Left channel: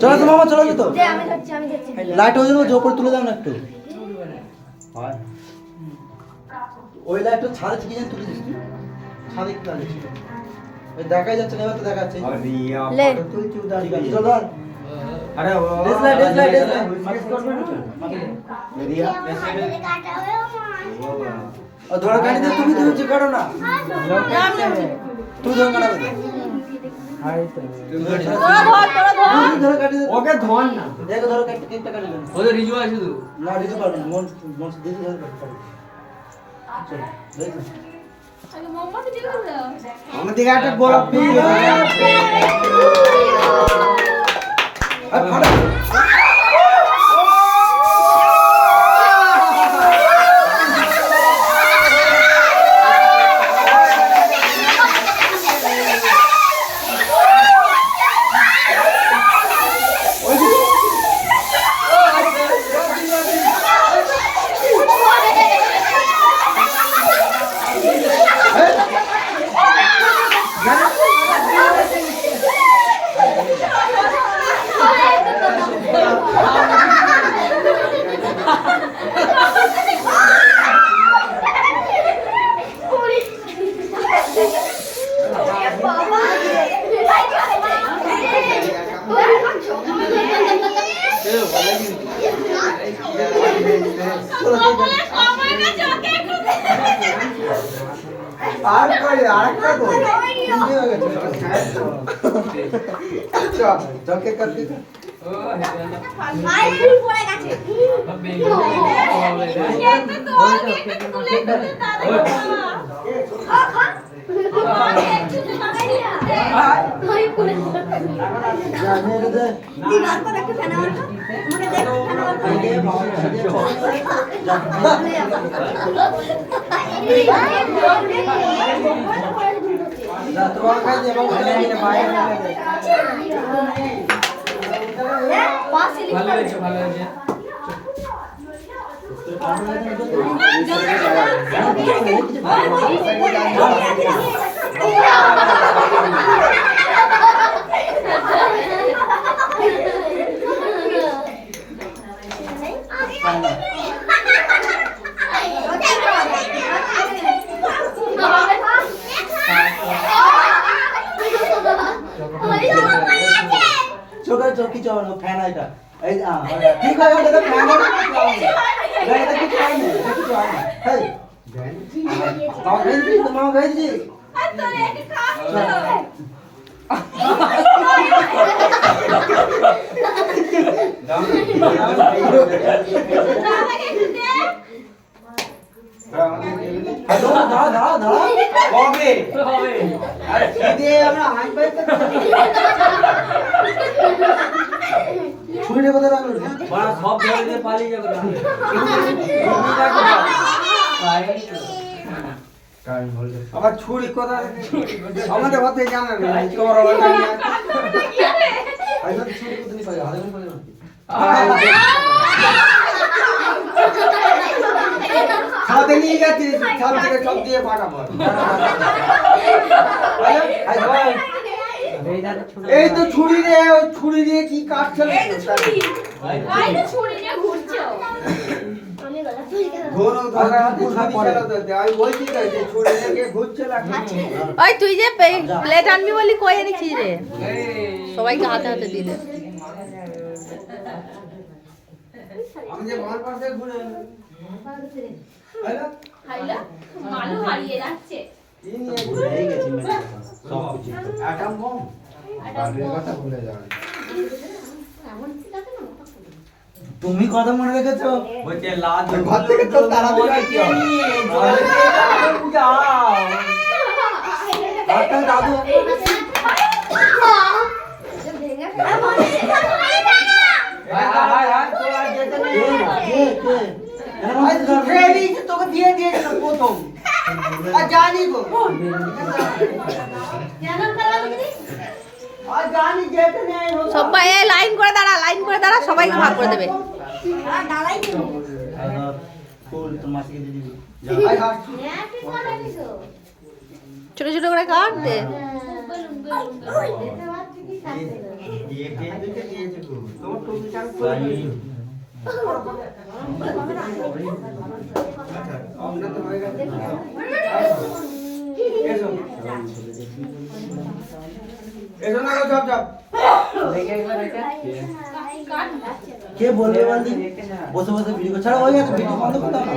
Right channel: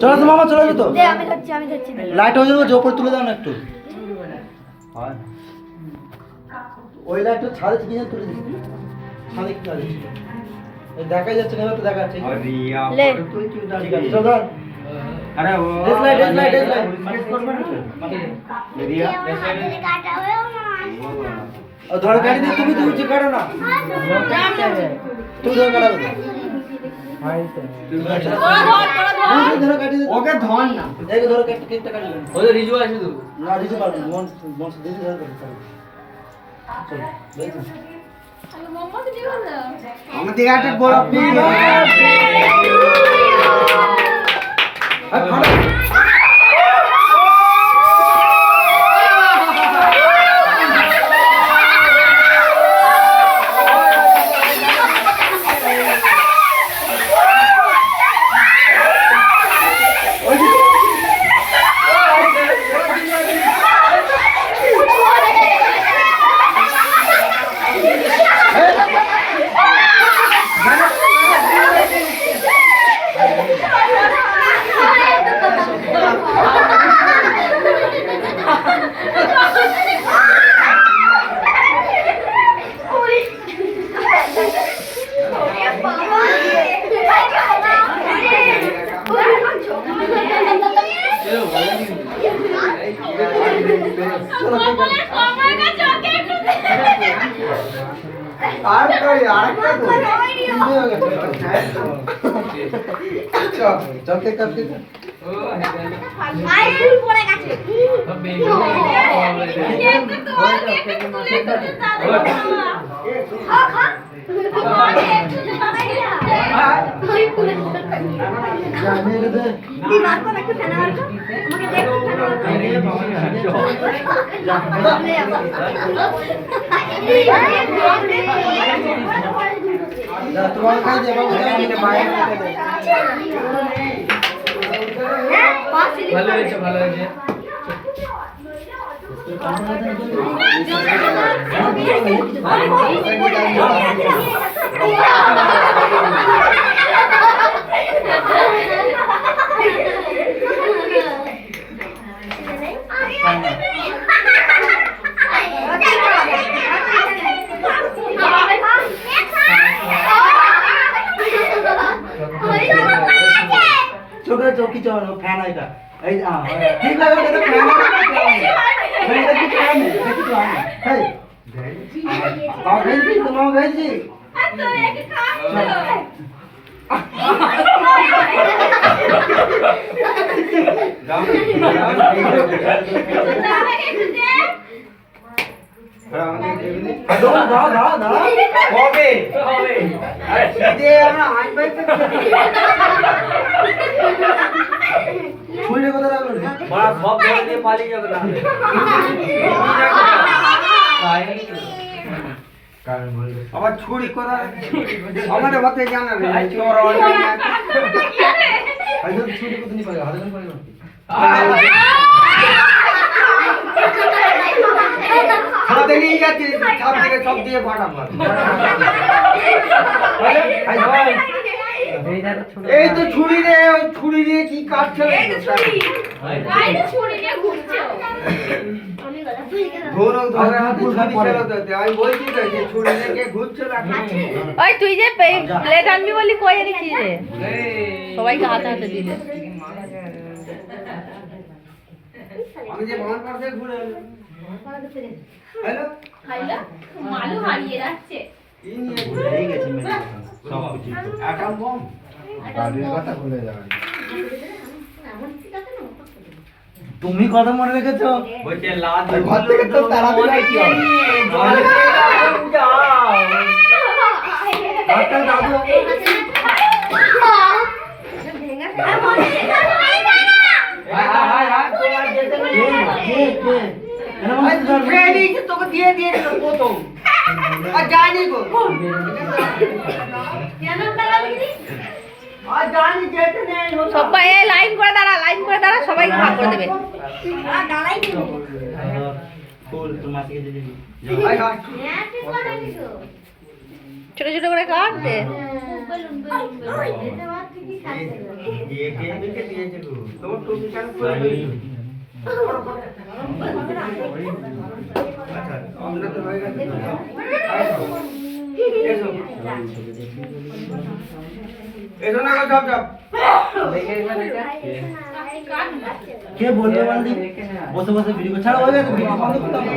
চলো তো মামা, চলো তো লাইট হয়ে যাবে, ওপরে তুলে দাও না একটু। ওই লাইটটা ছাদে কি জানি তুলে দিচ্ছি, ছাদে কি দাঁড়িয়েছি দেখাই যাচ্ছে না, তো দেখাচ্ছে। ধরো কাটি দিয়ে তুমি যে কাটো না, তুমি ধরো কাটাবে ধরো কাটি ওকে ধর না, দেখো ধরো কাটি কেকটা কাটি ওদের রিজু আছে তো না, রিজু কাটি মন মন দিদি ধরো কাটি চলো দেখো আগে মোমবাতি দিয়ে দাও আমাদের গাটে বড় প্লিজ আর ফাড়া চকে কাটতে আইরন পড়ে গেছে ভালো হয়েছে ভালো হয়েছে ছোট চৌকি চল ফ্যান আইটা এই ঠিক আছে এটা ফ্যান এটা কি ফ্যান এটা কি ফ্যান হেই বাবা গেছি তোমার গেছি তো একে আবার ছুরি কথা আমাদের হাতে জানা নেই ছুরি কত নি পাবে হাতে করে পাবে খাওয়াতে নিয়ে যাচ্ছি সব থেকে সব দিয়ে ফাটাবো এই তো ছুরি রে ওই ছুরি দিয়ে কি কাটছে এই তো ছুরি এই তো ছুরি নিয়ে ঘুরছে আমি গলা তুই কেন ধরো ধরে হাতে ছুরি চালাতে দে আমি বলছি তো যে ছুরি নিয়ে ঘুরছে না ওই তুই যে প্লেট আনবি বলি কই এনেছিস রে সবাইকে হাতে হাতে দিলে আমি যে বাম পাশে ঘুরে হ্যালো খাইলা মালু হারিয়ে যাচ্ছে এই নিয়ে ঘুরে গেছে মানে সব কিছু আটাম বম বাড়ির কথা ভুলে যাবে তুমি কথা মনে রেখেছো বলছে লাদ ঘর থেকে তো তারা বলে কি যাও আটা দাদু হাই হাই হাই তো আর যেতে নেই কে এর মধ্যে ট্রেনিং তোকে দিয়ে দিয়েছিল প্রথম আর জানি গো কেন করা দিদি আর জানি যেতে নেই সবাই লাইন করে দাঁড়া সবাইকে ভাগ করে দেবে ডালাই দিবি ফুল তোমার থেকে দিয়ে দিবি ছোট ছোট করে কাট দে কে বলবে বলদি বসে বসে ভিডিও ছাড়ো, হয়ে গেছে ভিডিও বন্ধ করতে হবে।